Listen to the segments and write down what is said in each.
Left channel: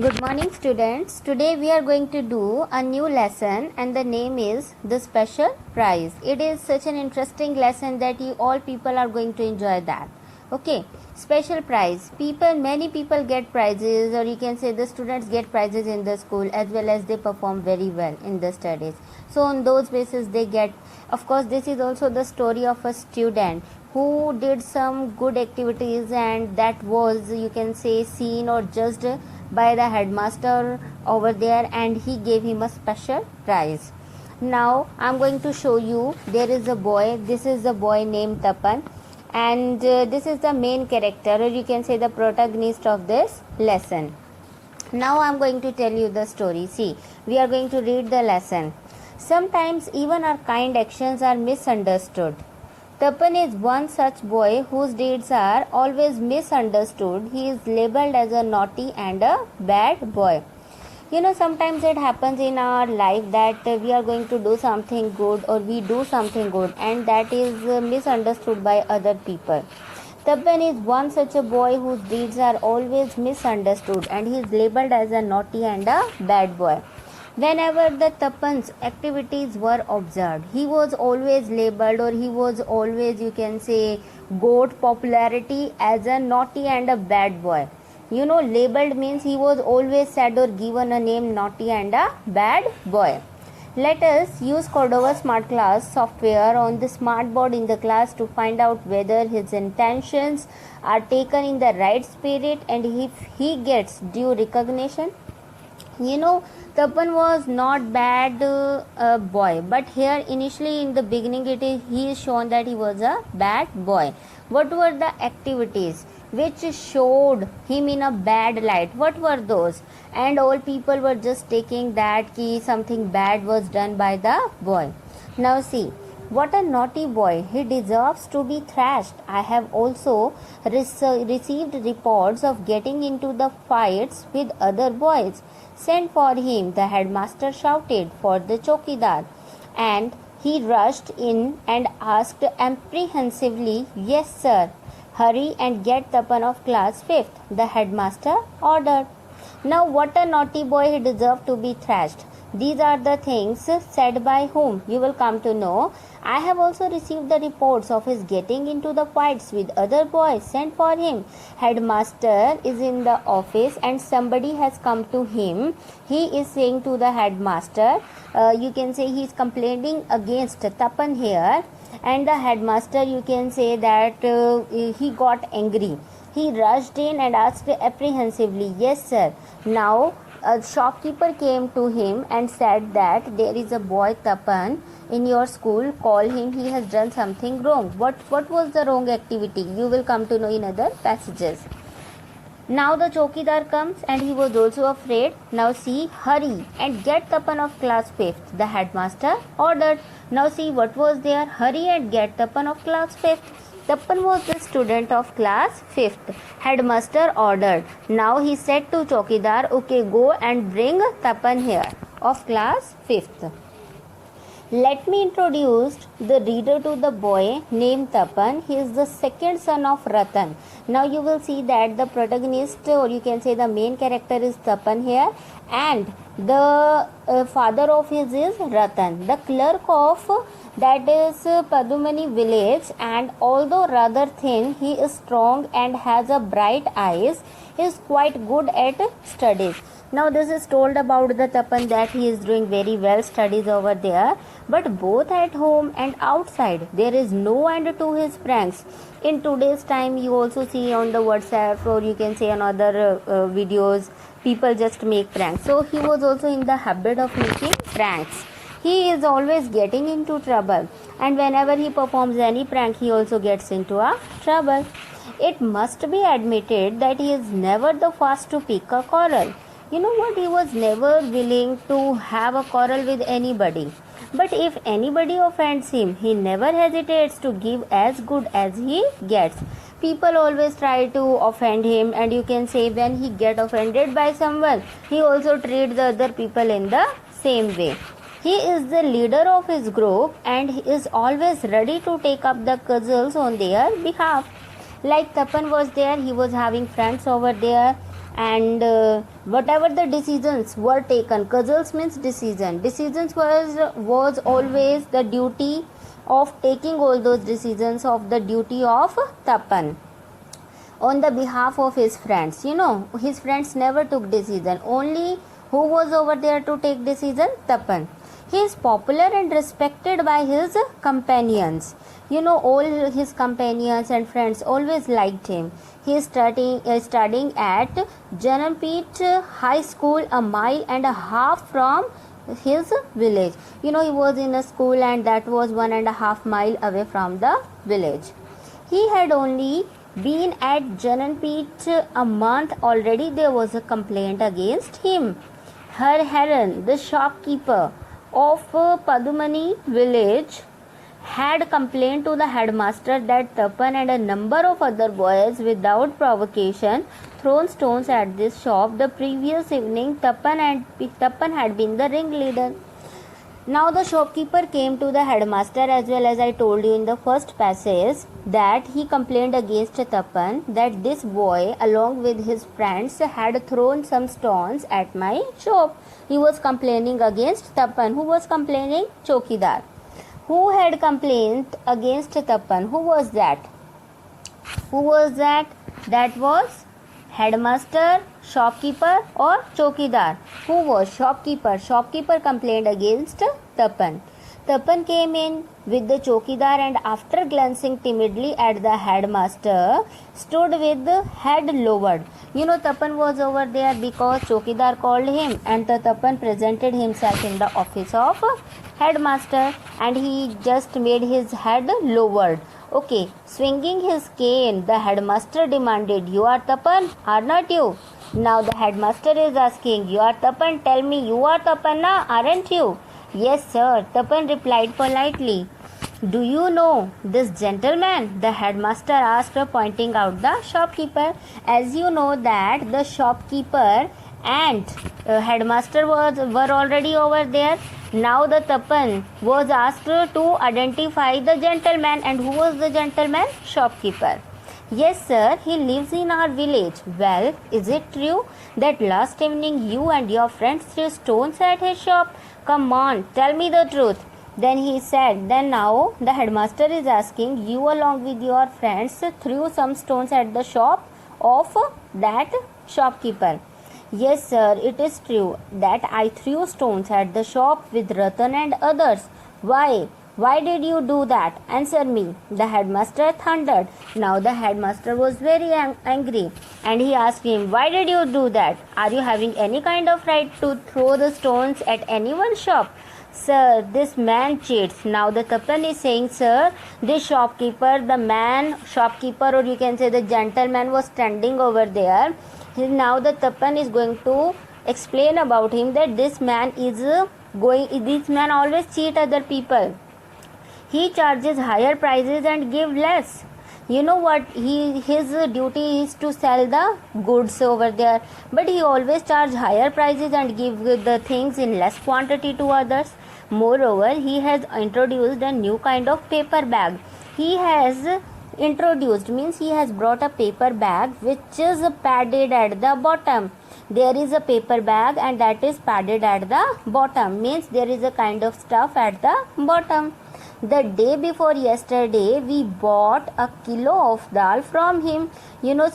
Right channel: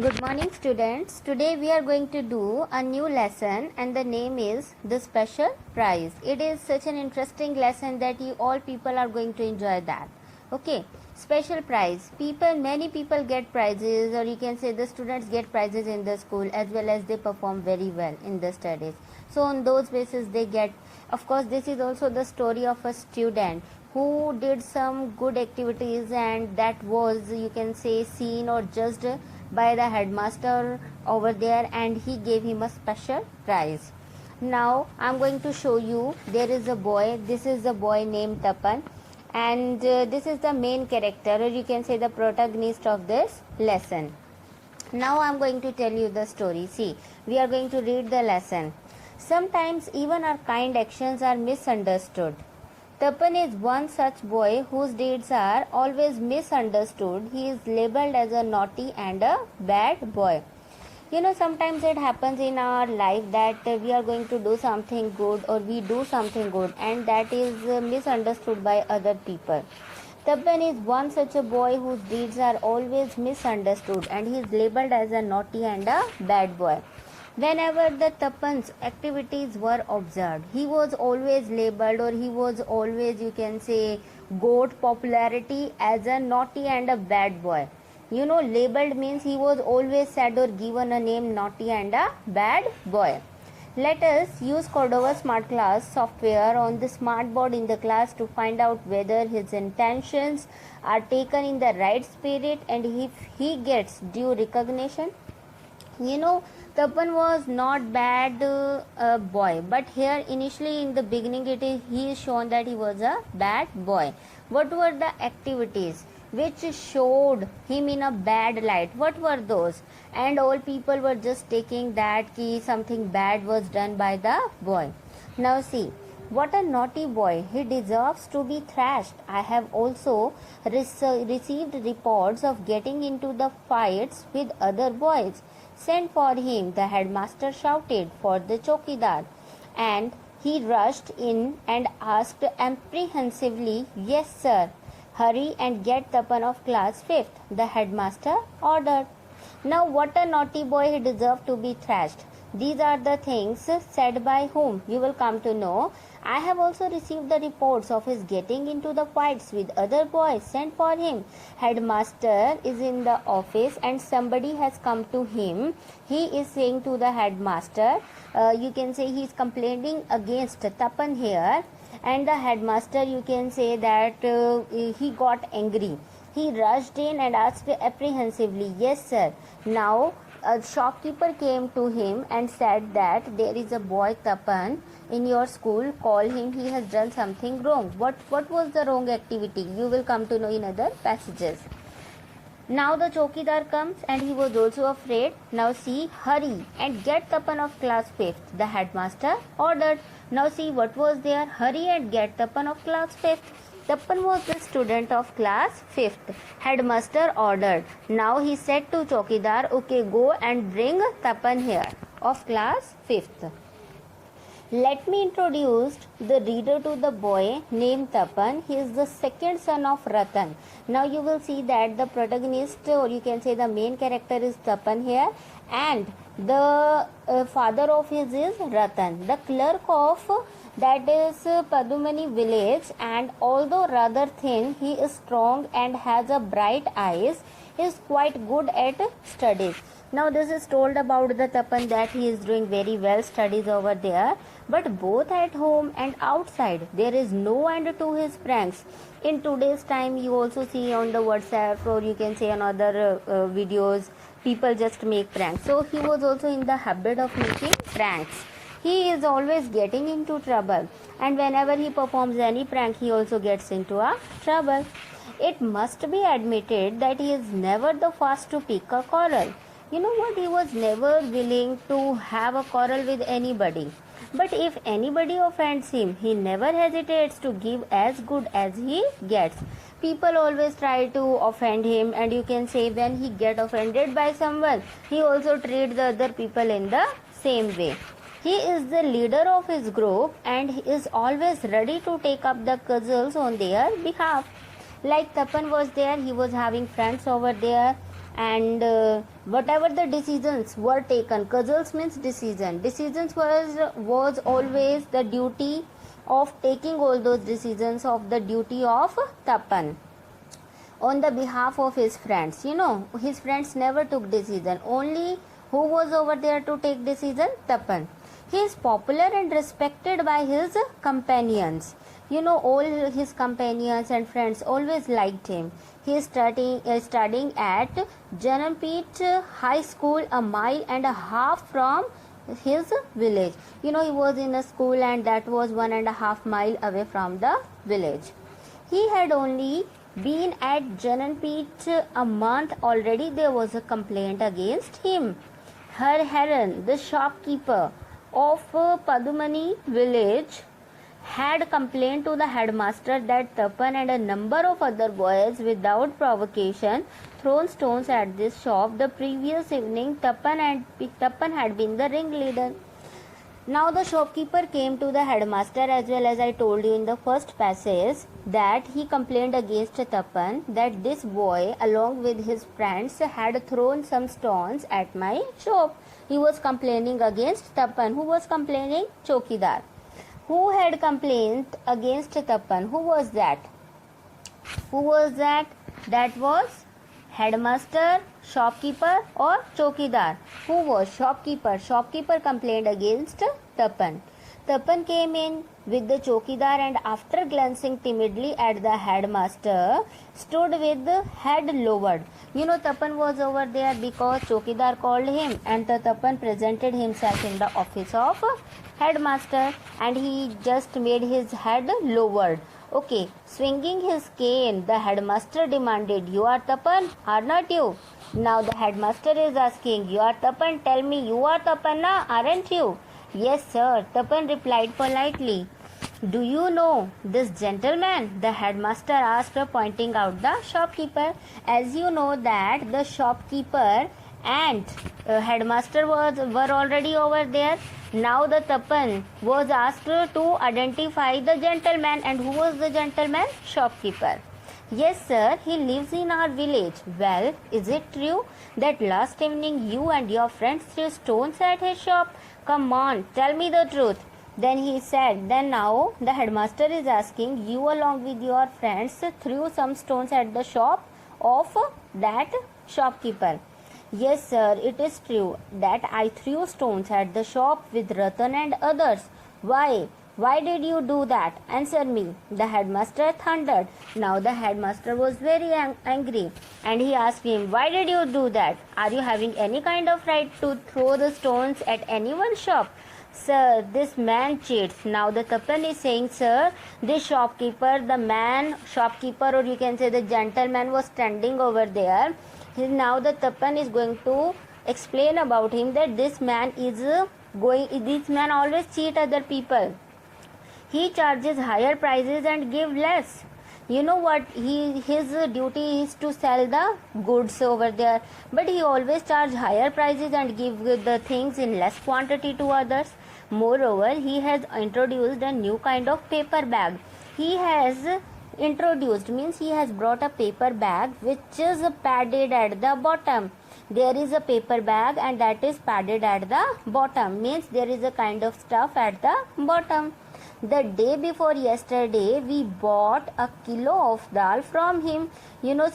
Good morning students. Today we are going to do a new lesson and the name is the special prize. It is such an interesting lesson that you all people are going to enjoy that. Okay, special prize. Many people get prizes, or you can say the students get prizes in the school as well as they perform very well in the studies. So on those basis they get, of course this is also the story of a student who did some good activities and that was, you can say, seen or judged by the headmaster over there and he gave him a special prize. Now I'm going to show you, there is a boy, this is the boy named Tapan, and this is the main character, or you can say the protagonist of this lesson. Now I'm going to tell you the story. See, we are going to read the lesson. Sometimes even our kind actions are misunderstood. Tapan is one such boy whose deeds are always misunderstood. He is labeled as a naughty and a bad boy. You know, sometimes it happens in our life that we are going to do something good or we do something good and that is misunderstood by other people. Tapan is one such a boy whose deeds are always misunderstood and he is labeled as a naughty and a bad boy. Whenever the Tapan's activities were observed, he was always labeled, or he was always, you can say, got popularity as a naughty and a bad boy. You know, labeled means he was always said or given a name naughty and a bad boy. Let us use Cordova Smart Class software on the smart board in the class to find out whether his intentions are taken in the right spirit and if he gets due recognition. You know, Tapan was not bad boy, but here initially in the beginning he is shown that he was a bad boy. What were the activities which showed him in a bad light? What were those? And all people were just taking that something bad was done by the boy. Now see, what a naughty boy, he deserves to be thrashed. I have also received reports of getting into the fights with other boys. Send for him, the headmaster shouted for the chowkidar, and he rushed in and asked apprehensively, "Yes, sir. Hurry and get Tapan of class 5th, the headmaster ordered." Now, what a naughty boy, he deserved to be thrashed. These are the things said by whom? You will come to know. I have also received the reports of his getting into the fights with other boys. Sent for him. Headmaster is in the office and somebody has come to him. He is saying to the headmaster, you can say he is complaining against Tapan here, and the headmaster, you can say that he got angry. He rushed in and asked apprehensively, "Yes, sir." Now, a shopkeeper came to him and said that there is a boy Tapan in your school, call him, he has done something wrong. What was the wrong activity? You will come to know in other passages. Now the chowkidar comes and he was also afraid. Now see, hurry and get Tapan of class 5th, the headmaster ordered. Now see, what was there? Hurry and get Tapan of class 5th. Tapan was the student of class 5th. Headmaster ordered. Now he said to chowkidar, "Okay, go and bring Tapan here of class 5th. Let me introduce the reader to the boy named Tapan. He is the second son of Ratan. Now you will see that the protagonist, or you can say the main character, is Tapan here, and the father of his is Ratan, the clerk of that is Padumani village, and although rather thin, he is strong and has a bright eyes. He is quite good at studies. Now this is told about the Tapan that he is doing very well studies over there, but both at home and outside there is no end to his pranks. In today's time you also see on the WhatsApp, or you can say on other videos, people just make pranks. So he was also in the habit of making pranks. He is always getting into trouble, and whenever he performs any prank he also gets into a trouble. It must be admitted that he is never the first to pick a quarrel. You know what? He was never willing to have a quarrel with anybody. But if anybody offends him, he never hesitates to give as good as he gets. People always try to offend him, and you can say when he get offended by someone, he also treats the other people in the same way. He is the leader of his group and he is always ready to take up the cudgels on their behalf. Like Tapan was there, he was having friends over there, and whatever the decisions were taken, cudgels means decisions was always the duty of taking all those decisions of the duty of Tapan on the behalf of his friends. His friends never took decision, only who was over there to take decision? Tapan. He is popular and respected by his companions. All his companions and friends always liked him. He is studying at Janampeet High School, a mile and a half from his village. He was in a school and that was 1.5 miles away from the village. He had only been at Janampeet a month already. There was a complaint against him. Her Heron, the shopkeeper of Padumani village, had complained to the headmaster that Tapan and a number of other boys without provocation thrown stones at this shop. The previous evening Tapan had been the ringleader. Now the shopkeeper came to the headmaster, as well as I told you in the first passage that he complained against Tapan that this boy along with his friends had thrown some stones at my shop. He was complaining against Tapan. Who was complaining? Chokidar. Who had complained against Tapan? Who was that? That was headmaster, shopkeeper or Chokidar? Who was? Shopkeeper. Shopkeeper complained against Tapan. Tapan came in with the Chokidar and after glancing timidly at the headmaster stood with the head lowered. Tapan was over there because Chokidar called him, and the Tapan presented himself in the office of headmaster and he just made his head lowered. Okay, swinging his cane, the headmaster demanded, "You are Tapan, are not you?" Now the headmaster is asking, "You are Tapan, tell me, you are Tapan, na, aren't you?" "Yes, sir," Tapan replied politely. "Do you know this gentleman?" the headmaster asked, pointing out the shopkeeper. As you know that the shopkeeper and headmaster were already over there. Now the Tapan was asked to identify the gentleman. And who was the gentleman? Shopkeeper. "Yes, sir, he lives in our village." "Well, is it true that last evening you and your friends threw stones at his shop? Come on, tell me the truth." Then he said, then now the headmaster is asking, "You along with your friends threw some stones at the shop of that shopkeeper?" "Yes, sir, it is true that I threw stones at the shop with Ratan and others." Why? Why did you do that? Answer me," the headmaster thundered. Now the headmaster was very angry and he asked him, "Why did you do that? Are you having any kind of right to throw the stones at anyone's shop?" "Sir, this man cheats." Now the Tapan is saying, "Sir, this shopkeeper, shopkeeper or you can say the gentleman was standing over there." Now the Tapan is going to explain about him that this man always cheat other people. He charges higher prices and give less. You know what? His duty is to sell the goods over there, but he always charge higher prices and give the things in less quantity to others. Moreover, he has introduced a new kind of paper bag. He has brought a paper bag which is padded at the bottom. There is a paper bag and that is padded at the bottom, means there is a kind of stuff at the bottom. The day before yesterday, we bought a kilo of dal from him.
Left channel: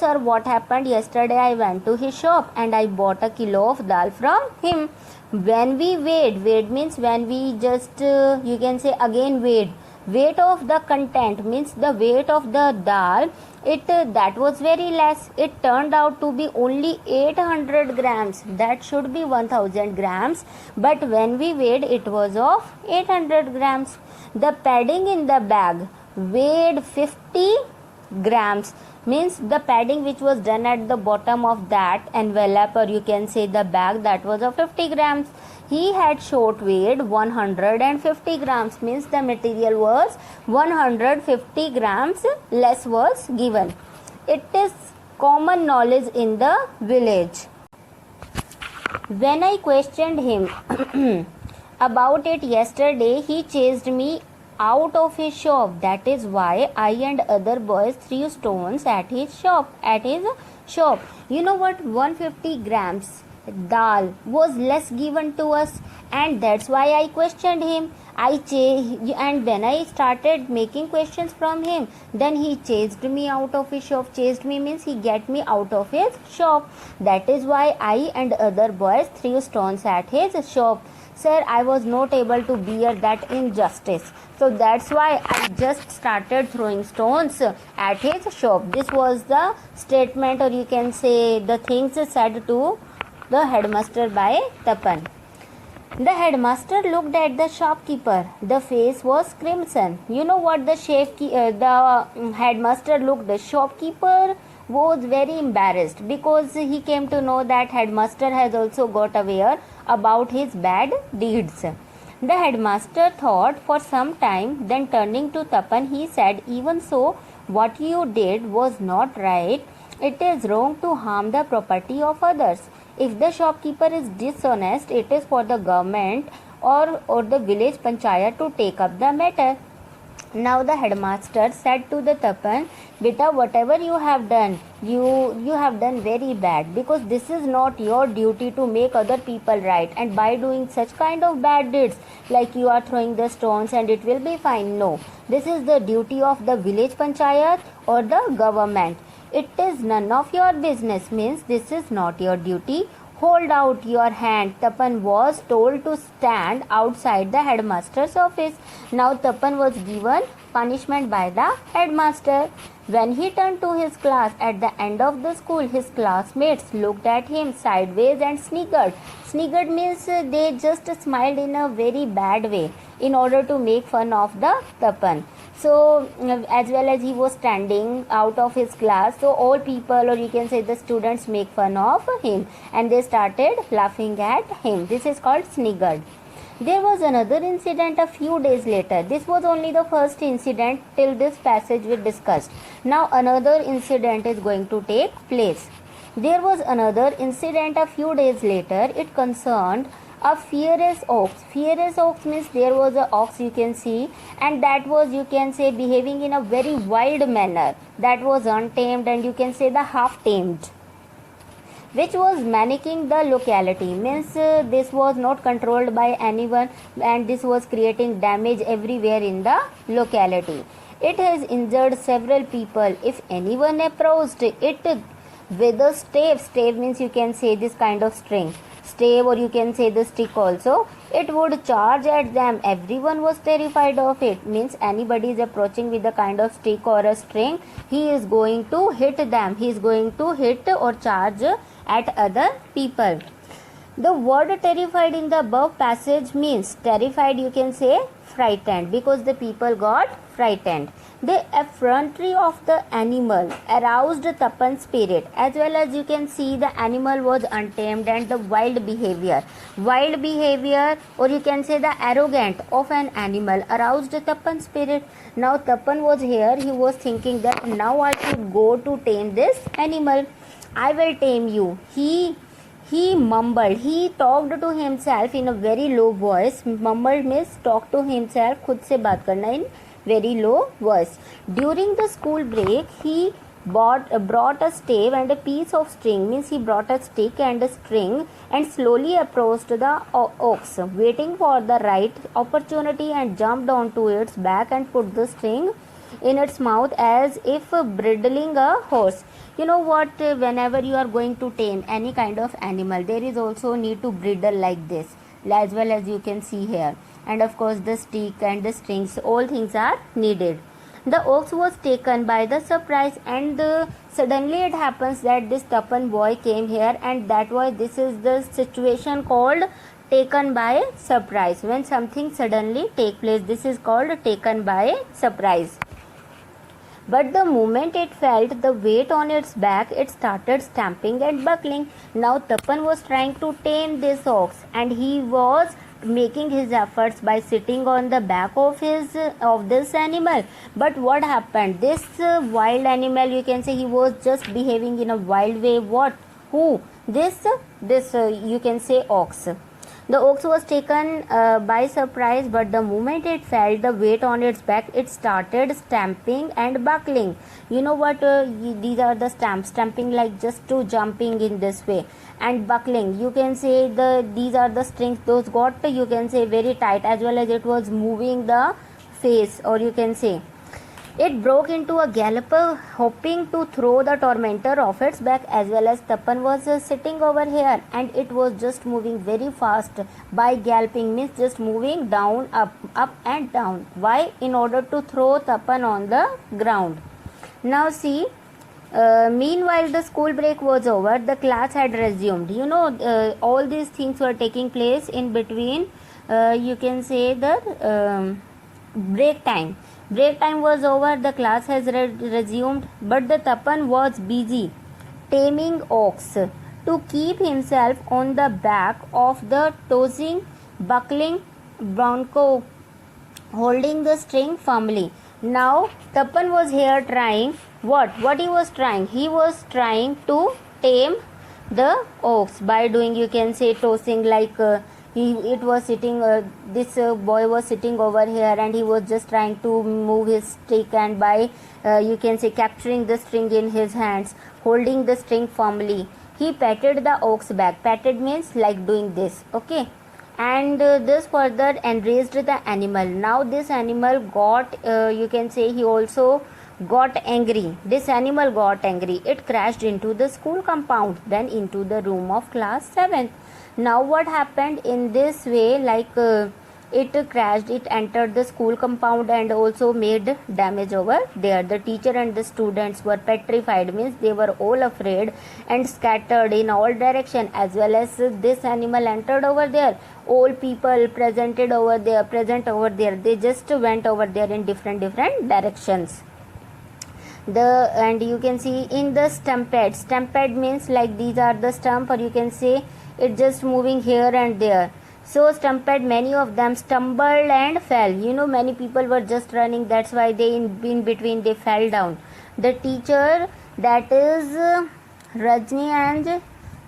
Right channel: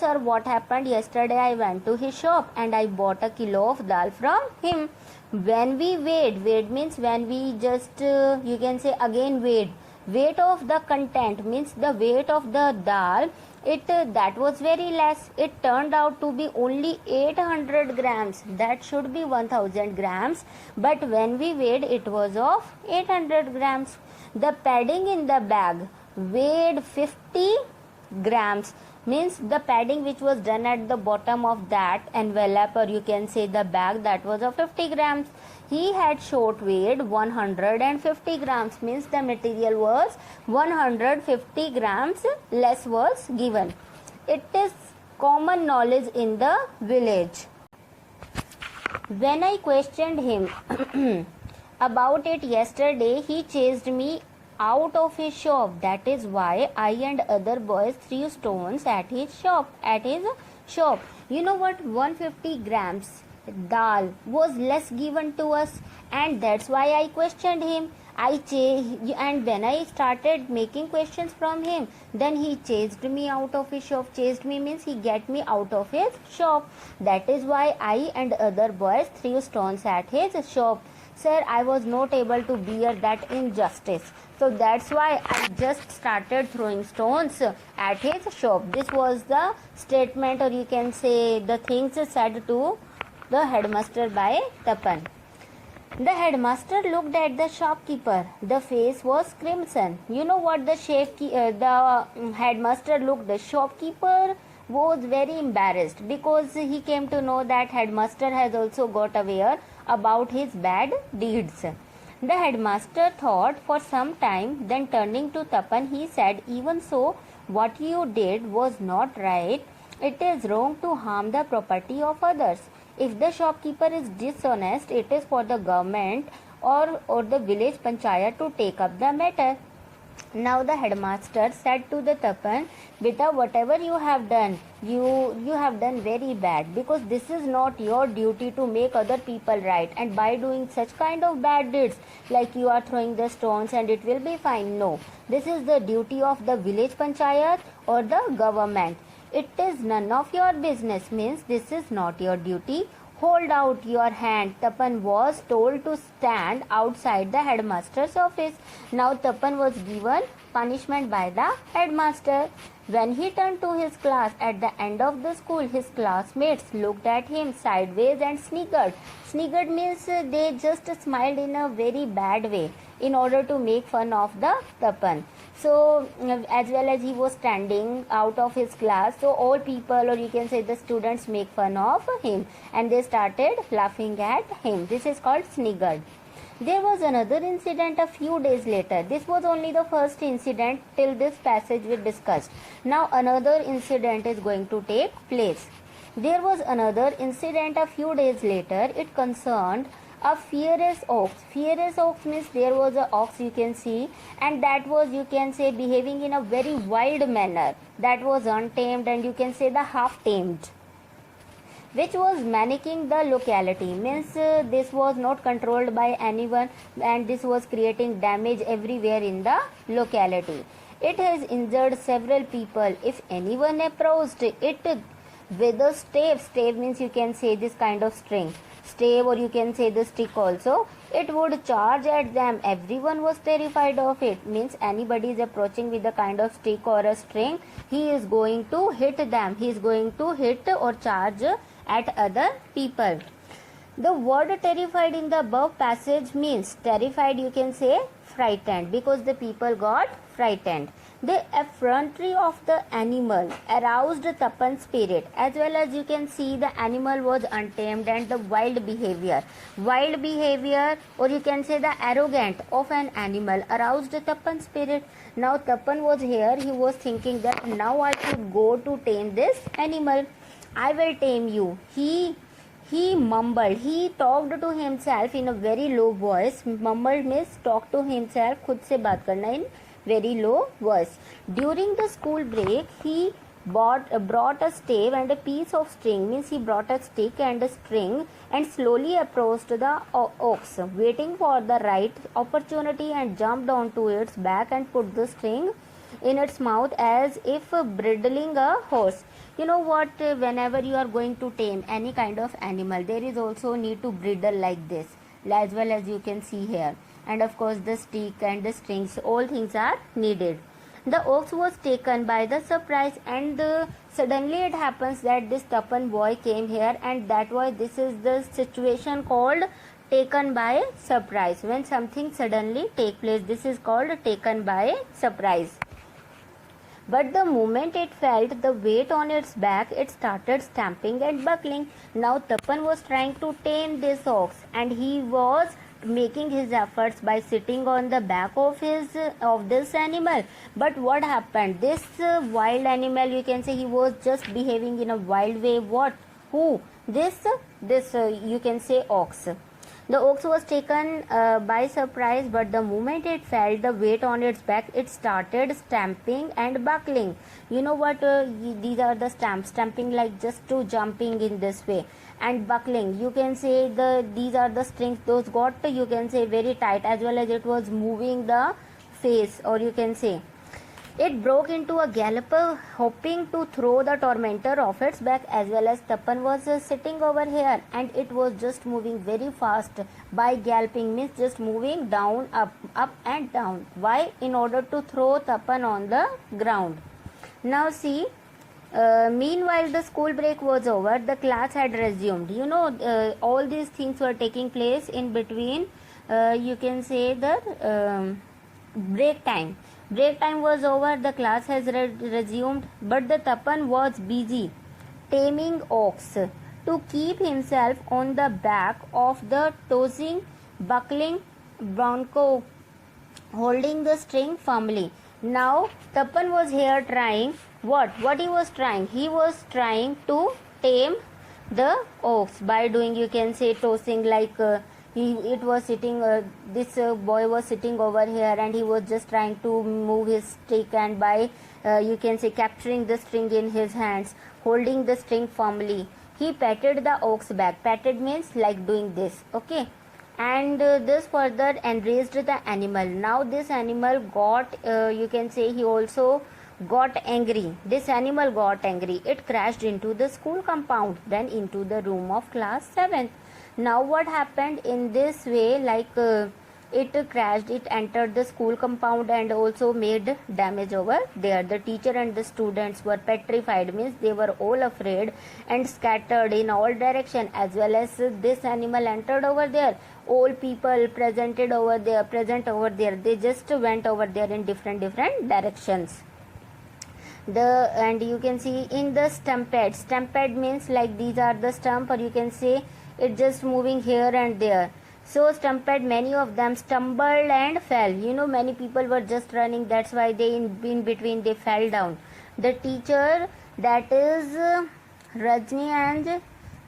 Sir, what happened yesterday? I went to his shop and I bought a kilo of dal from him. When we weighed means when we just, you can say again weight of the content means the weight of the dal, that was very less. It turned out to be only 800 grams. That should be 1000 grams. But when we weighed, it was of 800 grams. The padding in the bag weighed 50 grams. Means the padding which was done at the bottom of that envelope or you can say the bag, that was of 50 grams. He had short weighed 150 grams. Means the material was 150 grams less was given. It is common knowledge in the village. When I questioned him about it yesterday, he chased me out of his shop. That is why I and other boys threw stones at his shop. You know what? 150 grams dal was less given to us, and that's why I questioned him. And when I started making questions from him, then he chased me out of his shop. Chased me means he get me out of his shop. That is why I and other boys threw stones at his shop. Sir, I was not able to bear that injustice. So that's why I just started throwing stones at his shop. This was the statement, or you can say the things said to the headmaster by Tapan. The headmaster looked at the shopkeeper. The face was crimson. You know what the headmaster looked? The shopkeeper was very embarrassed because he came to know that headmaster has also got aware about his bad deeds. The headmaster thought for some time, then turning to Tapan, he said, "Even so, what you did was not right. It is wrong to harm the property of others. If the shopkeeper is dishonest, it is for the government or the village panchayat to take up the matter." Now the headmaster said to the Tapan, "Beta, whatever you have done, you have done very bad, because this is not your duty to make other people right. And by doing such kind of bad deeds, like you are throwing the stones and it will be fine. No, this is the duty of the village panchayat or the government. It is none of your business," means this is not your duty. "Hold out your hand." Tapan was told to stand outside the headmaster's office. Now Tapan was given punishment by the headmaster. When he turned to his class at the end of the school, his classmates looked at him sideways and sniggered. Sniggered means they just smiled in a very bad way in order to make fun of the Tapan. So as well as he was standing out of his class, so all people, or you can say the students, make fun of him and they started laughing at him. This is called sniggered. There was another incident a few days later. This was only the first incident till this passage we discussed. Now another incident is going to take place. There was another incident a few days later. It concerned a fierce ox. Fierce ox means there was a ox, you can see, and that was, you can say, behaving in a very wild manner. That was untamed, and you can say the half tamed, which was managing the locality. Means this was not controlled by anyone, and this was creating damage everywhere in the locality. It has injured several people. If anyone approached it with a stave, stave means, you can say, this kind of string, stave, or you can say the stick also, it would charge at them. Everyone was terrified of it. Means anybody is approaching with a kind of stick or a string, he is going to hit them. He is going to hit or charge at other people. The word terrified in the above passage means terrified, you can say frightened, because the people got frightened. The effrontery of the animal aroused Tapan's spirit. As well as you can see, the animal was untamed, and the wild behavior, or you can say the arrogant of an animal aroused Tapan's spirit. Now Tapan was here. He was thinking that now I should go to tame this animal. I will tame you. He mumbled. He talked to himself in a very low voice. Mumbled means talk to himself. खुद से बात करना in very low voice. During the school break, he brought a stave and a piece of string. Means he brought a stick and a string and slowly approached the ox, waiting for the right opportunity, and jumped onto its back and put the string in its mouth as if bridling a horse. You know what, whenever you are going to tame any kind of animal, there is also need to bridle like this, as well as you can see here, and of course the stick and the strings, all things are needed. The ox was taken by the surprise, and suddenly it happens that this Tapan boy came here, and that was, this is the situation called taken by surprise. When something suddenly take place, this is called taken by surprise. But the moment it felt the weight on its back, it started stamping and buckling. Now Tapan was trying to tame this ox, and he was making his efforts by sitting on the back of this animal. But what happened? This wild animal, you can say, he was just behaving in a wild way. What? Who? This you can say ox. The ox was taken by surprise, but the moment it felt the weight on its back, it started stamping and buckling. You know what? These are the stamps. Stamping like just to jumping in this way, and buckling. You can say these are the strings. Those got, you can say, very tight, as well as it was moving the face, or you can say. It broke into a gallop, hoping to throw the tormentor off its back, as well as Tapan was sitting over here, and it was just moving very fast. By galloping means just moving down, up and down. Why? In order to throw Tapan on the ground. Now see, meanwhile the school break was over, the class had resumed. You know, all these things were taking place in between, you can say, the break time. Break time was over, the class has resumed, but the Tapan was busy taming ox to keep himself on the back of the tossing, buckling bronco, holding the string firmly. Now Tapan was here trying what he was trying? He was trying to tame the ox by doing, you can say, tossing, like it was sitting, this boy was sitting over here, and he was just trying to move his stick, and by you can say capturing the string in his hands, holding the string firmly, he patted the ox back. Patted means like doing this, okay, and this further enraged the animal. Now this animal got, you can say, he also got angry. This animal got angry. It crashed into the school compound, then into the room of class 7th. Now what happened in this way, like it crashed, it entered the school compound and also made damage over there. The teacher and the students were petrified, means they were all afraid and scattered in all direction, as well as this animal entered over there. All people present over there, they just went over there in different directions. And you can see in the stampede means like these are the stump, or you can say it just moving here and there. So stampede, many of them stumbled and fell. You know, many people were just running, that's why they in between they fell down. The teacher, that is Rajni and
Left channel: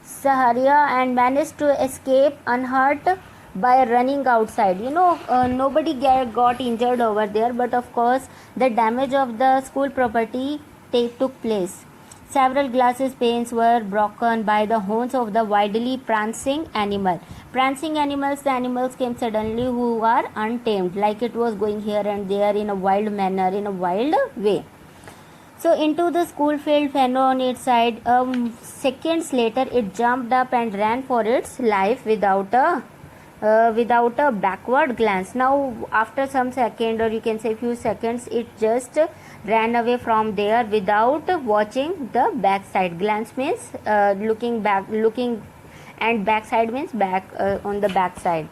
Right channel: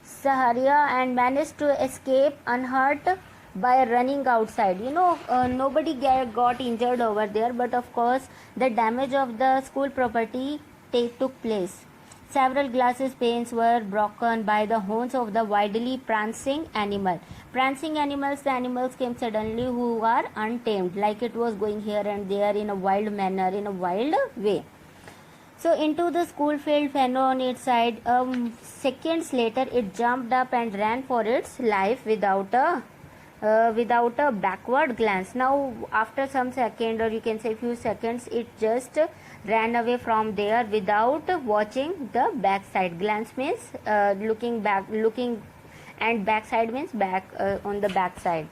Saharia, and managed to escape unhurt by running outside. You know, nobody got injured over there, but of course the damage of the school property took place. Several glasses panes were broken by the horns of the wildly prancing animal. Prancing animals, the animals came suddenly who are untamed, like it was going here and there in a wild manner, in a wild way. So into the school field, Fenno on its side. Seconds later, it jumped up and ran for its life without a backward glance. Now after some second, or you can say few seconds, it just ran away from there without watching the backside. Glance means looking back, and backside means back, on the backside.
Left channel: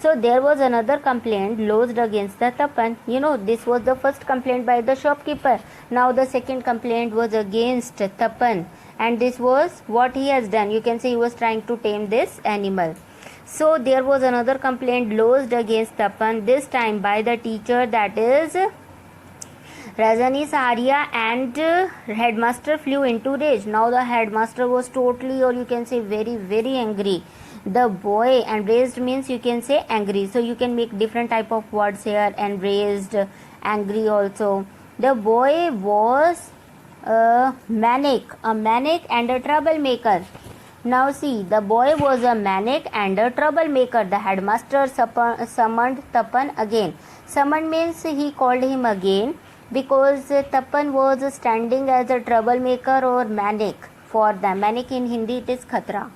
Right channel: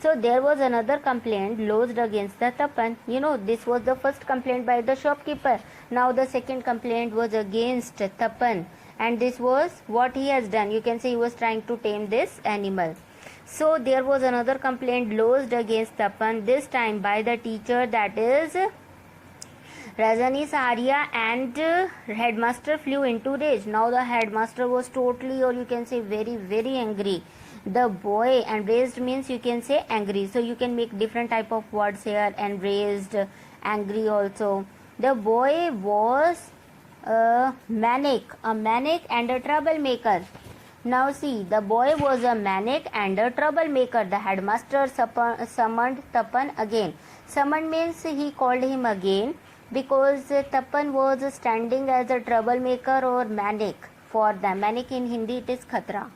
So there was another complaint lodged against the Tapan. You know, this was the first complaint by the shopkeeper. Now the second complaint was against Tapan, and this was what he has done. You can say he was trying to tame this animal. So there was another complaint lodged against Tapan, this time by the teacher, that is Rajani Saharia, and headmaster flew into rage. Now the headmaster was totally, or you can say very angry. The boy, enraged means you can say angry, so you can make different type of words here, enraged, angry also. The boy was manic and a troublemaker. Now see, the boy was a manic and a troublemaker. The headmaster summoned Tapan again. Summoned means he called him again, because Tapan was standing as a troublemaker or manic for them. Manic in Hindi it is khatra.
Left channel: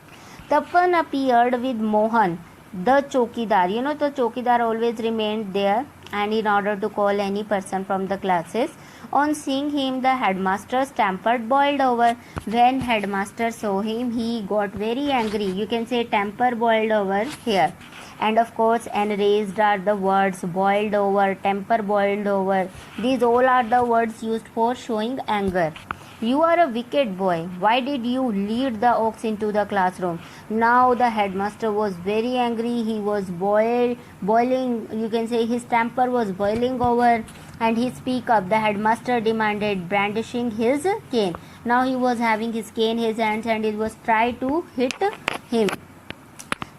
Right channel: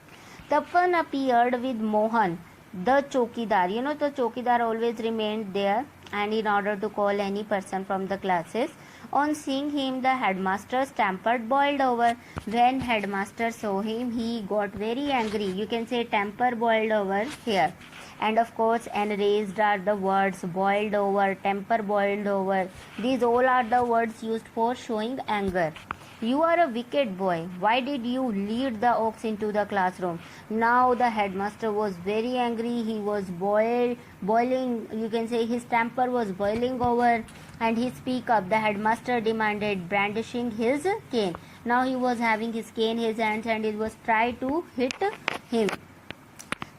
Tapan appeared with Mohan, the chokidar. You know, the chokidar always remained there, and in order to call any person from the classes. On seeing him, the headmaster tempered boiled over. When headmaster saw him, he got very angry. You can say temper boiled over here. And of course, enraged are the words boiled over, temper boiled over. These all are the words used for showing anger. You are a wicked boy. Why did you lead the ox into the classroom? Now the headmaster was very angry. He was boiling. You can say his temper was boiling over, and he speak up. The headmaster demanded, brandishing his cane. Now he was having his cane in his hands, and he was trying to hit him.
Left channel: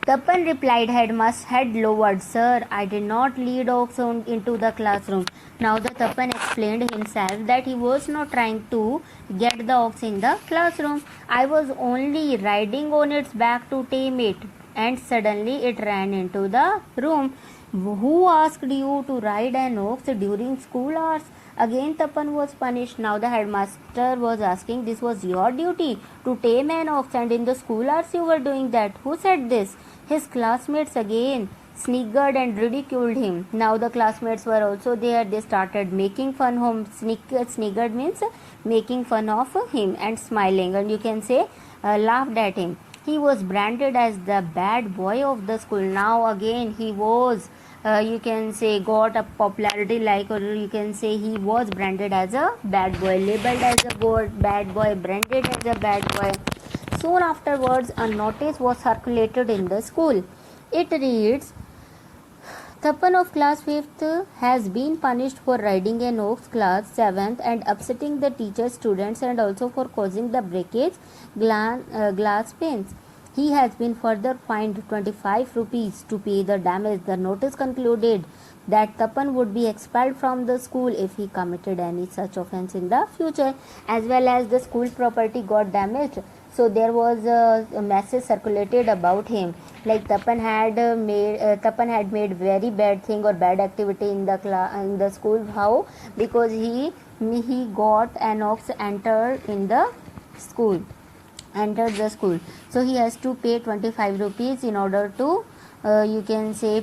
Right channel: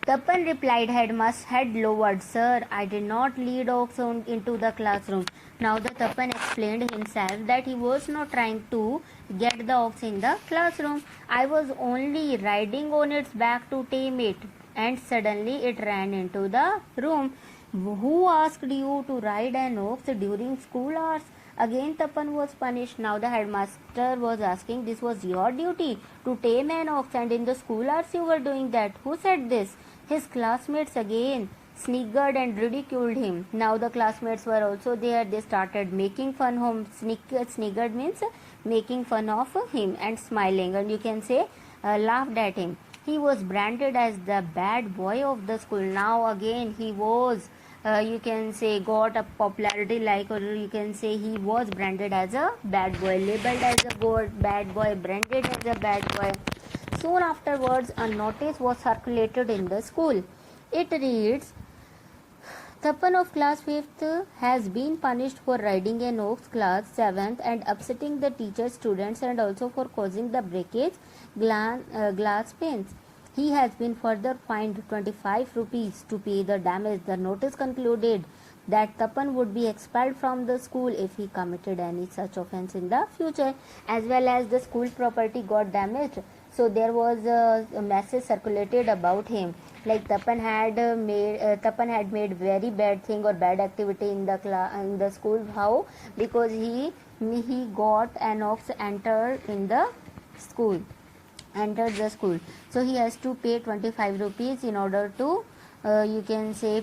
Tapan replied, head lowered. Sir, I did not lead ox into the classroom. Now the Tapan explained himself that he was not trying to get the ox in the classroom. I was only riding on its back to tame it. And suddenly it ran into the room. Who asked you to ride an ox during school hours? Again Tapan was punished. Now the headmaster was asking, this was your duty to tame an ox, and in the school hours you were doing that. Who said this? His classmates again sniggered and ridiculed him. Now the classmates were also there. They started making fun of him. Sniggered means making fun of him and smiling, and you can say laughed at him. He was branded as the bad boy of the school. Now again he was you can say got a popularity, like, or you can say he was branded as a bad boy, labeled as a bad boy, branded as a bad boy. Soon afterwards a notice was circulated in the school. It reads, Tapan of class 5th has been punished for riding an ox class 7th and upsetting the teacher, students, and also for causing the breakage glass panes. He has been further fined 25 rupees to pay the damage. The notice concluded that Tapan would be expelled from the school if he committed any such offence in the future, as well as the school property got damaged. So there was a message circulated about him, like Tapan had made very bad thing or bad activity in the school. How? Because he got an ox entered the school, so he has to pay 25 rupees in order to you can say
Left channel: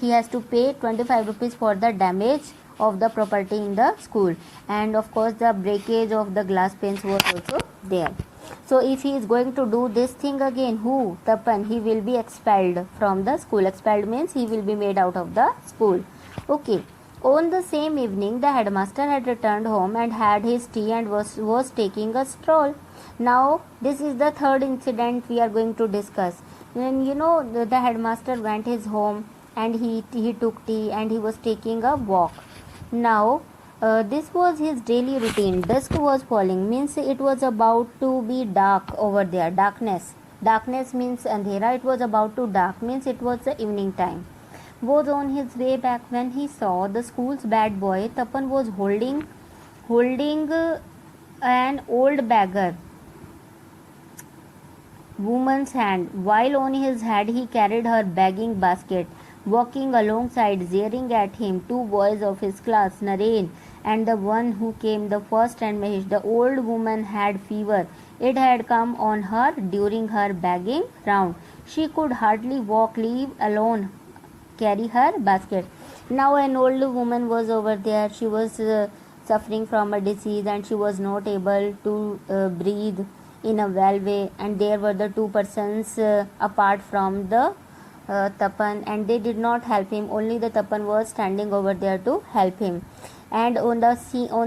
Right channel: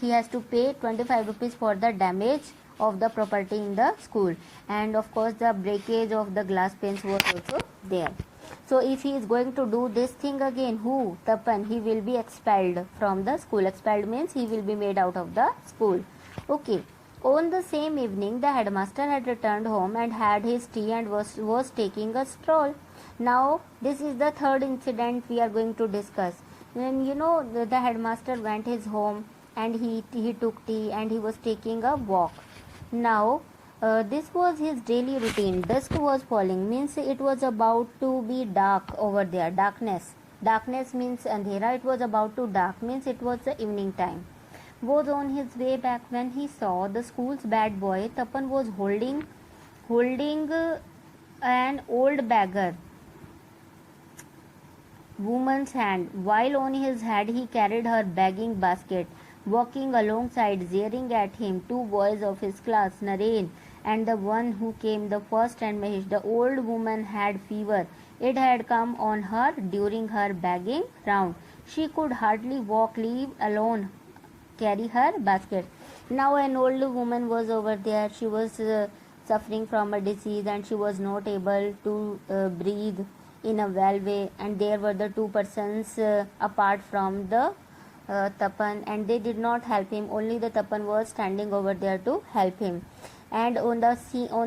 he has to pay 25 rupees for the damage of the property in the school, and of course the breakage of the glass panes was also there. So if he is going to do this thing again, Tapan, he will be expelled from the school. Expelled means he will be made out of the school. Okay. On the same evening, the headmaster had returned home and had his tea and was taking a stroll. Now, this is the third incident we are going to discuss. When the headmaster went his home and he took tea and he was taking a walk. Now, this was his daily routine. Dusk was falling, means it was about to be dark over there. Darkness means andhera. It was about to dark, means it was the evening time. Was on his way back when he saw the school's bad boy. Tapan was holding an old beggar woman's hand, while on his head he carried her begging basket. Walking alongside, jeering at him, two boys of his class, Naren and the one who came the first, and Mahesh. The old woman had fever. It had come on her during her begging round. She could hardly walk, leave alone carry her basket. Now an old woman was over there. She was suffering from a disease and she was not able to breathe in a well way, and there were the two persons apart from the Tapan, and they did not help him. Only the Tapan was standing over there to help him. And on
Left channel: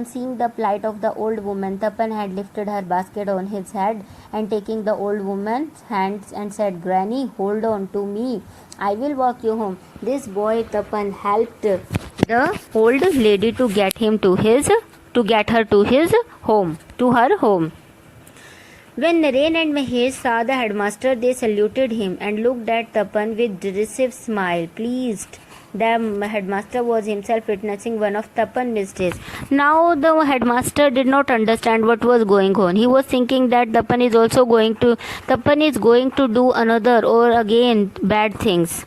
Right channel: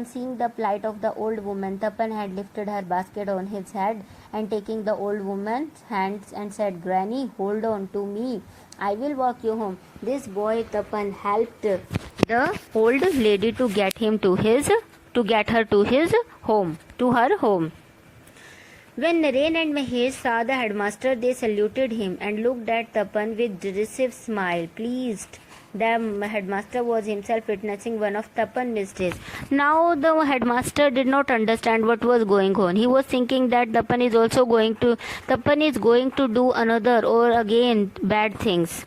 seeing the plight of the old woman, Tapan had lifted her basket on his head and taking the old woman's hands and said, Granny, hold on to me. I will walk you home. This boy Tapan helped the old lady to get her to her home. When Naren and Mahesh saw the headmaster, they saluted him and looked at Tapan with derisive smile. Pleased, the headmaster was himself witnessing one of Tapan's mistakes. Now the headmaster did not understand what was going on. He was thinking that Tapan is going to do another or again bad things.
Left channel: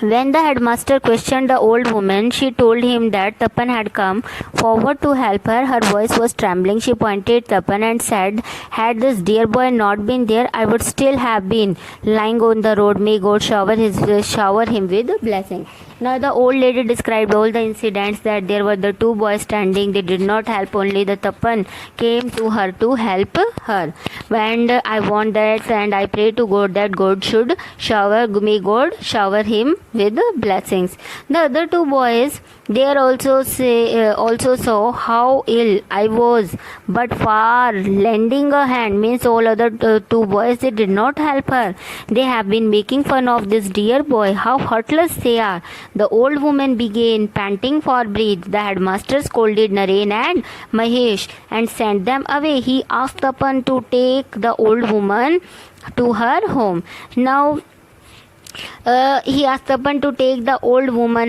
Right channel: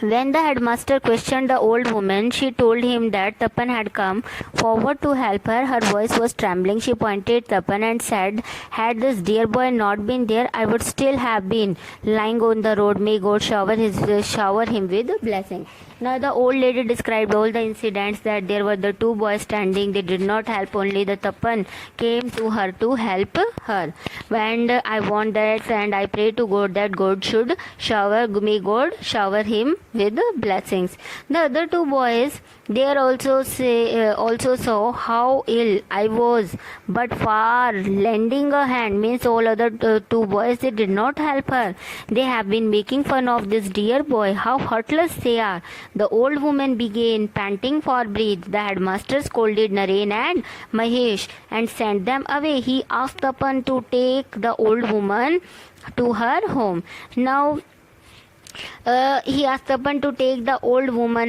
When the headmaster questioned the old woman, she told him that Tapan had come forward to help her. Her voice was trembling. She pointed Tapan and said, had this dear boy not been there, I would still have been lying on the road. May God shower him with blessing. Now the old lady described all the incidents, that there were the two boys standing. They did not help, only the Tapan came to her to help her. And I want that, and I pray to God that may God shower him with blessings. The other two boys, they also saw how ill I was, but far lending a hand, means all other two boys, they did not help her. They have been making fun of this dear boy, how heartless they are. The old woman began panting for breath. The headmaster scolded Naren and Mahesh and sent them away. He asked Tapan to take the old woman to her home. Now He asked Tapan to take the old woman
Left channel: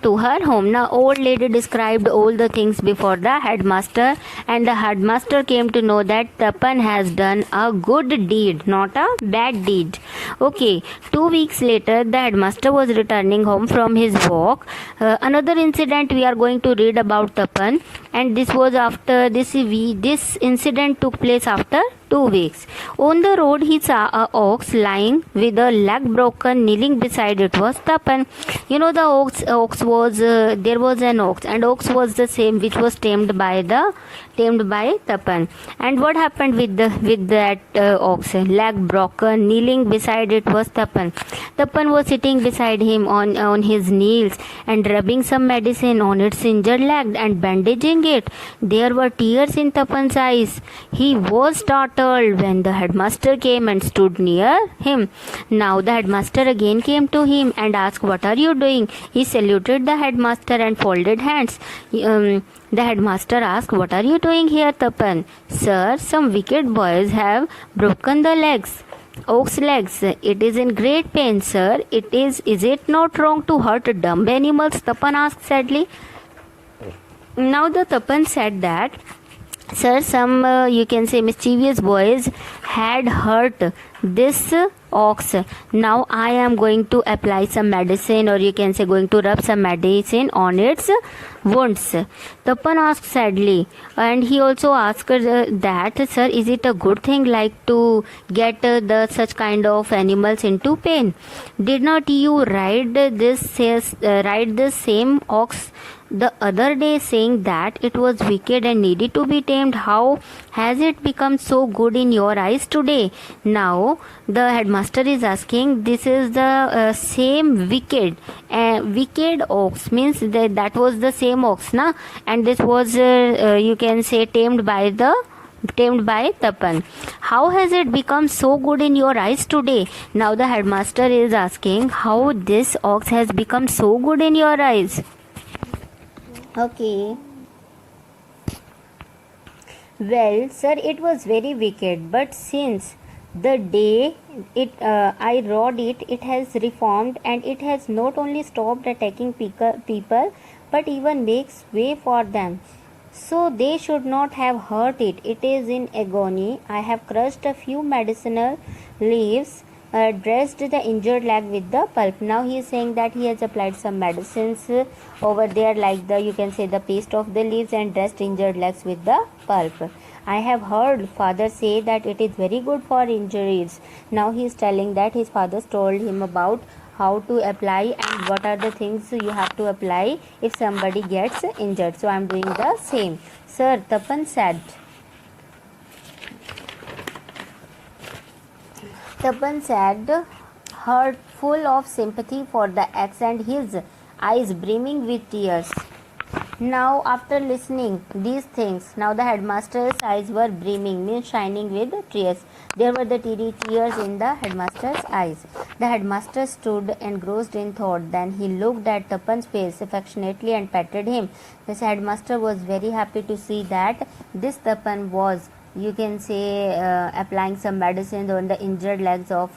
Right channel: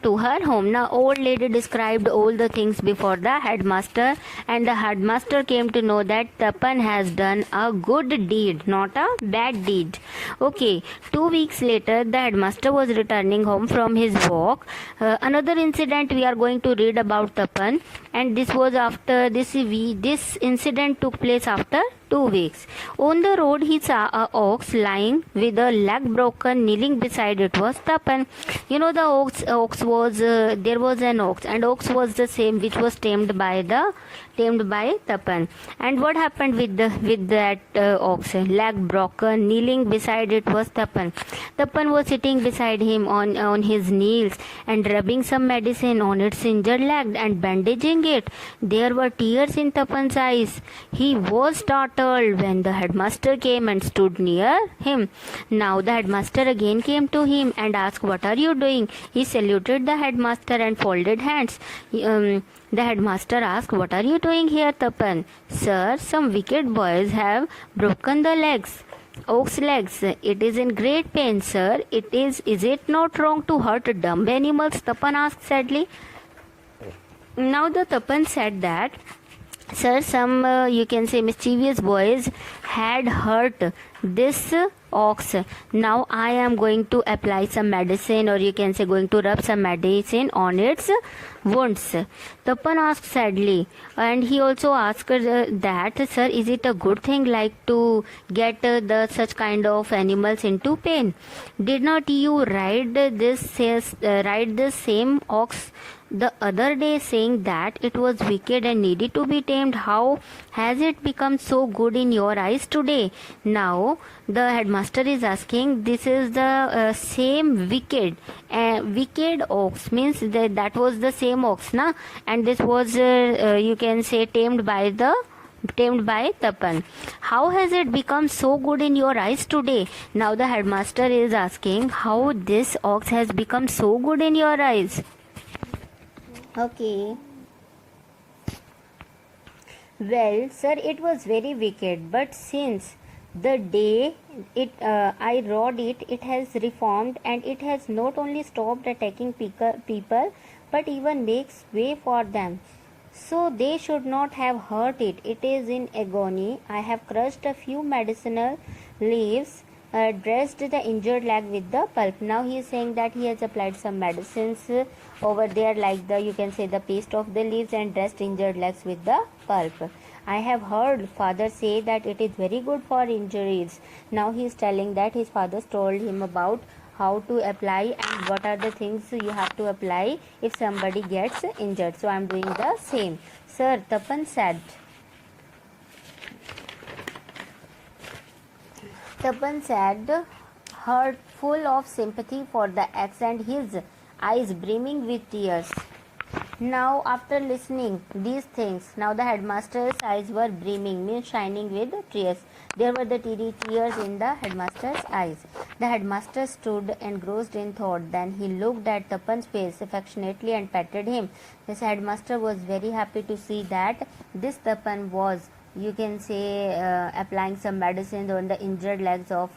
to her home. Now, old lady described all the things before the headmaster, and the headmaster came to know that Tapan has done a good deed, not a bad deed. Okay, 2 weeks later, the headmaster was returning home from his walk. Another incident we are going to read about Tapan, and this was after this incident took place after 2 weeks. On the road, he saw a ox lying with a leg broken. Kneeling beside it was Tapan. You know, the ox was there was an ox, and ox was the same which was tamed by Tapan. And what happened with that ox? Leg broken. Kneeling beside it was Tapan. Tapan was sitting beside him on his knees and rubbing some medicine on its injured leg and bandaging it. There were tears in Tapan's eyes. He was startled when the headmaster came and stood near him. Now the headmaster again came to him and asked, "What are you doing?" He saluted the headmaster and folded hands. The headmaster asked, "What are you doing here, Tapan?" "Sir, some wicked boys have broken the ox legs. It is in great pain, sir. Is it not wrong to hurt dumb animals?" Tapan asked sadly. Now the Tapan said that, "Sir, some you can say mischievous boys had hurt this ox. Now I am going to apply some medicine, or you can say going to rub some medicine on its wounds." Tapan asked sadly, and he also asked that, "Sir, is it a good thing like to get the such kind of animals into pain? Did not you ride this same ox the other day, saying that it was wicked and needed to be tamed? How has it become so good in your eyes today?" Now the headmaster is asking, this is the same wicked ox, means that was the same ox, na, and this was you can say tamed by Tapan. How has it become so good in your eyes today? Now the headmaster is asking how this ox has become so good in your eyes. Okay. "Well, sir, it was very wicked, but since the day I rode it, it has reformed, and it has not only stopped attacking people, but even makes way for them. So they should not have hurt it. It is in agony. I have crushed a few medicinal leaves, dressed the injured leg with the pulp." Now he is saying that he has applied some medicines over there, like you can say the paste of the leaves, and dressed injured legs with the pulp. "I have heard father say that it is very good for injuries." Now he is telling that his father told him about how to apply and what are the things you have to apply if somebody gets injured. So I am doing the same. "Sir," Tapan said. Tapan said, heart full of sympathy for the ex and his eyes brimming with tears. Now, after listening these things, now the headmaster's eyes were brimming, means shining with tears. There were the tears in the headmaster's eyes. The headmaster stood engrossed in thought. Then he looked at Tapan's face affectionately and patted him. This headmaster was very happy to see that this Tapan was, you can say, applying some medicine on the injured legs of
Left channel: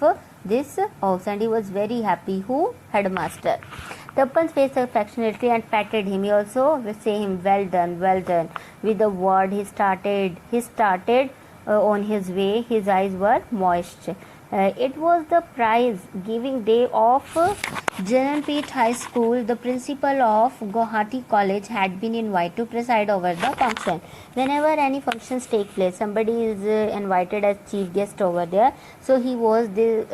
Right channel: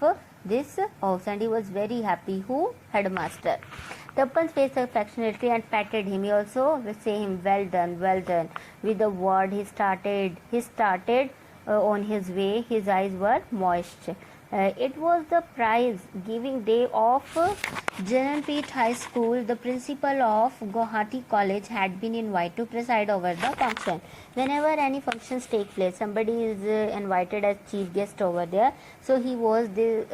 this ox, and he was very happy. Who? Headmaster. Tapan's face affectionately and patted him. He also say him, "Well done, well done." With the word, he started on his way. His eyes were moist. It was the prize giving day of Jananpet High School. The principal of Guwahati College had been invited to preside over the function. Whenever any functions take place, somebody is invited as chief guest over there. So he was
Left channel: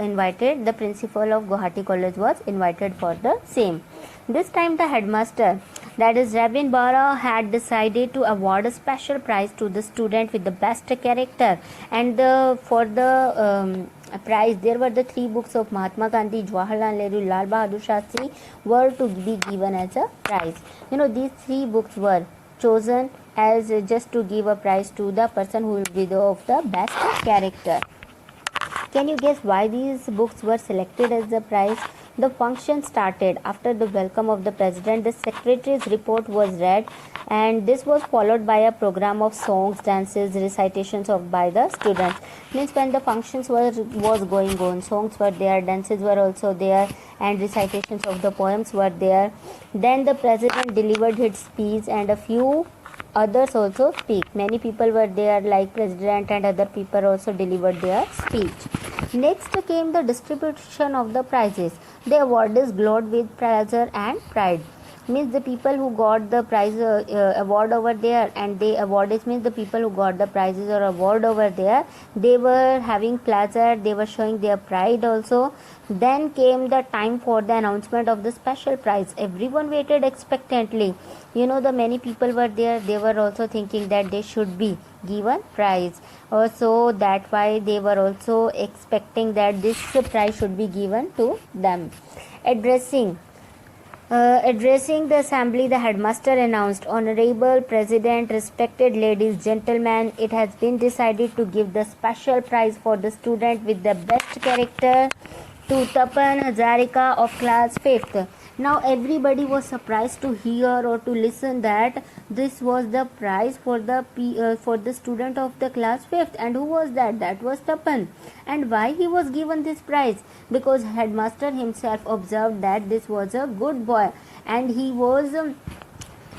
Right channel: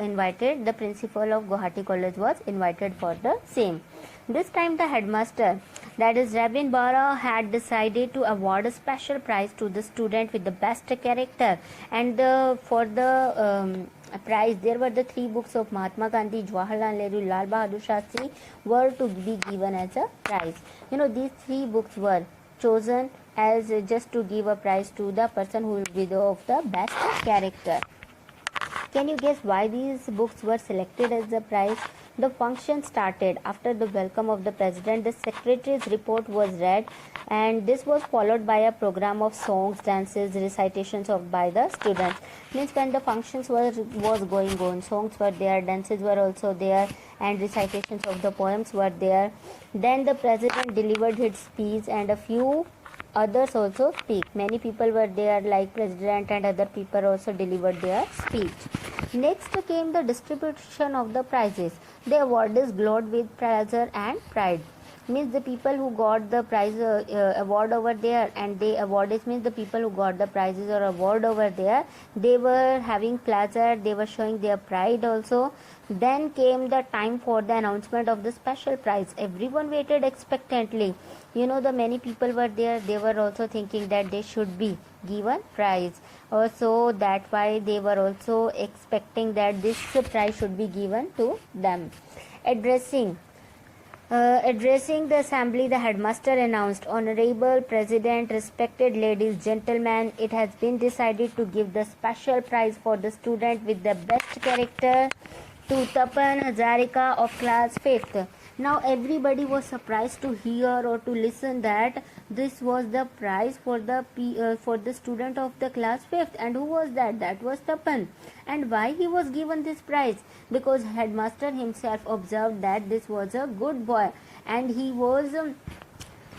invited. The principal of Guwahati College was invited for the same. This time the headmaster, that is Rabin Bara, had decided to award a special prize to the student with the best character. And for the prize, there were the 3 books of Mahatma Gandhi, Jawaharlal Nehru, Lal Bahadur Shastri were to be given as a prize. You know, these 3 books were chosen as just to give a prize to the person who will be of the best character. Can you guess why these books were selected as the prize? The function started. After the welcome of the president, the secretary's report was read, and this was followed by a program of songs, dances, recitations of by the students. Means when the functions was going on, songs were there, dances were also there, and recitations of the poems were there. Then the president delivered his speech, and a few others also speak. Many people were there, like president and other people also delivered their speech. Next came the distribution of the prizes. The award is glowed with pleasure and pride. Means the people who got the prize award over there, and the award is means the people who got the prizes or award over there, they were having pleasure, they were showing their pride also. Then came the time for the announcement of the special prize. Everyone waited expectantly. The many people were there, they were also thinking that they should be given prize. So that's why they were also expecting that this prize should be given to them. Addressing the assembly, the headmaster announced, "Honorable President, respected ladies, gentlemen, it has been decided to give the special prize for the student with the best character to Tapan Hazarika of class 5th. Now everybody was surprised to hear or to listen that this was the prize for the student of the class 5th. And who was that? That was Tapan. And why he was given this prize? Because headmaster himself observed that this was a good boy, and he was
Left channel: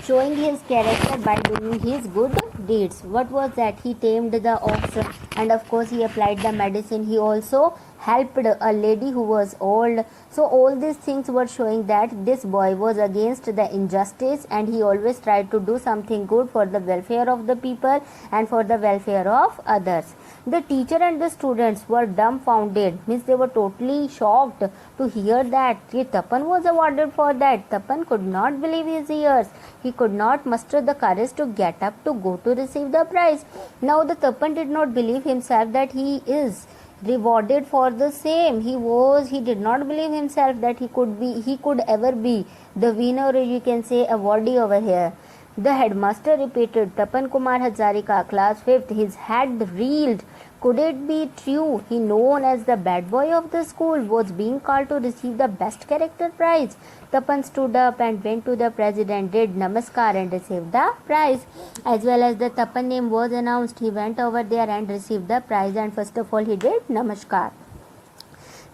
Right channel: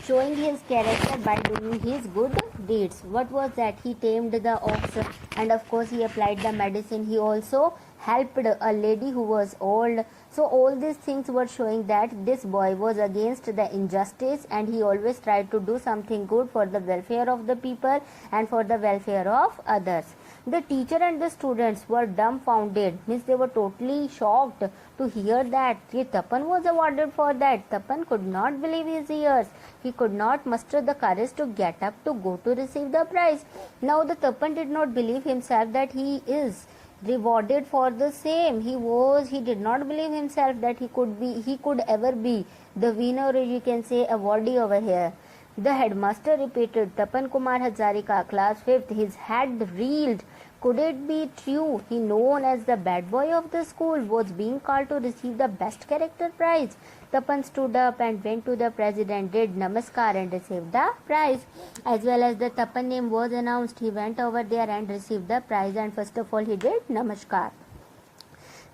showing his character by doing his good deeds. What was that? He tamed the ox, and of course he applied the medicine. He also helped a lady who was old. So all these things were showing that this boy was against the injustice, and he always tried to do something good for the welfare of the people and for the welfare of others. The teacher and the students were dumbfounded, means they were totally shocked to hear that Tapan was awarded for that. Tapan could not believe his ears. He could not muster the courage to get up to go to receive the prize. Now the Tapan did not believe himself that he is rewarded for the same. He did not believe himself that he could ever be the winner, or you can say awardee over here. The headmaster repeated, "Tapan Kumar Hazarika, class 5th. His head reeled. Could it be true? He, known as the bad boy of the school, was being called to receive the best character prize." Tapan stood up and went to the president, did namaskar, and received the prize. As well as the Tapan name was announced, he went over there and received the prize, and first of all he did namaskar.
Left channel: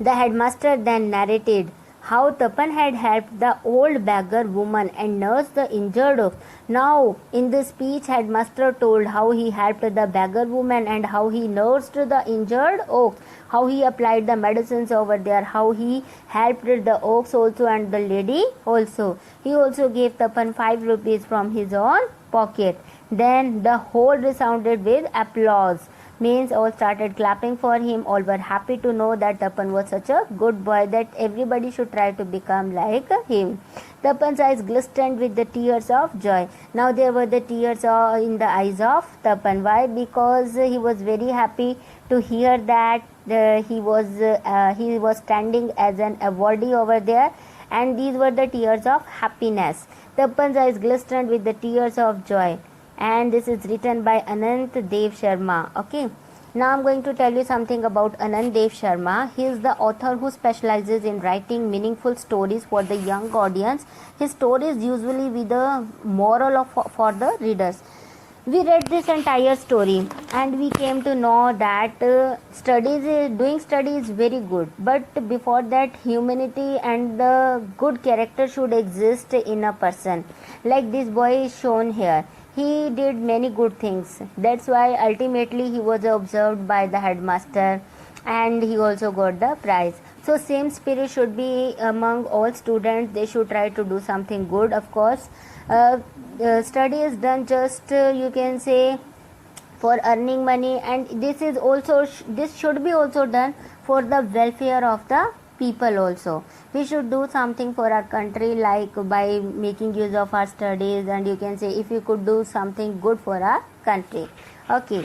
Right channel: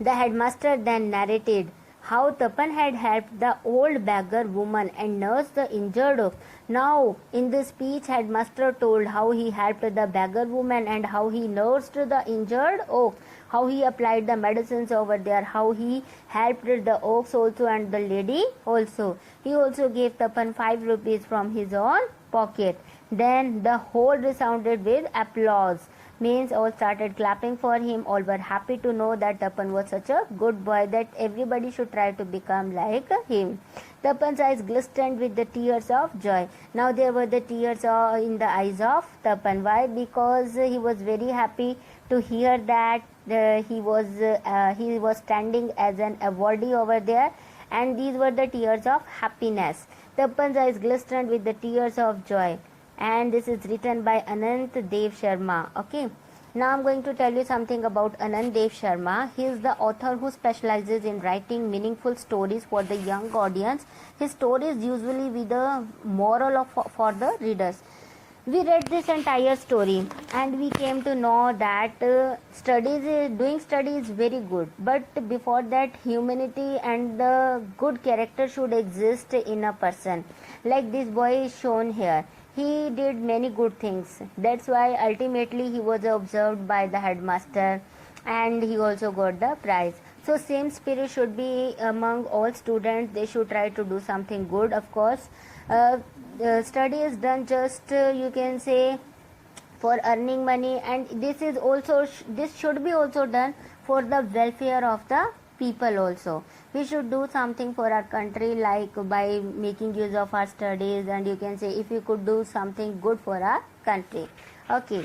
The headmaster then narrated how Tapan had helped the old beggar woman and nursed the injured ox. Now, in this speech, headmaster told how he helped the beggar woman and how he nursed the injured ox, how he applied the medicines over there, how he helped the ox also and the lady also. He also gave Tapan 5 rupees from his own pocket. Then the whole resounded with applause. Means all started clapping for him. All were happy to know that Tapan was such a good boy that everybody should try to become like him. Tapan's eyes glistened with the tears of joy. Now there were the tears in the eyes of Tapan. Why? Because he was very happy to hear that he was standing as an awardee over there, and these were the tears of happiness. Tapan's eyes glistened with the tears of joy. And this is written by Anant Dev Sharma. Okay. Now I'm going to tell you something about Anant Dev Sharma. He is the author who specializes in writing meaningful stories for the young audience. His stories usually with a moral for the readers. We read this entire story and we came to know that doing studies is very good, but before that humanity and the good character should exist in a person. Like this boy is shown here. He did many good things. That's why ultimately he was observed by the headmaster and he also got the prize. So same spirit should be among all students. They should try to do something good, of course. Study is done just you can say for earning money, and this should be also done for the welfare of the people also. We should do something for our country, like by making use of our studies, and you can say if you could do something good for our country. Okay.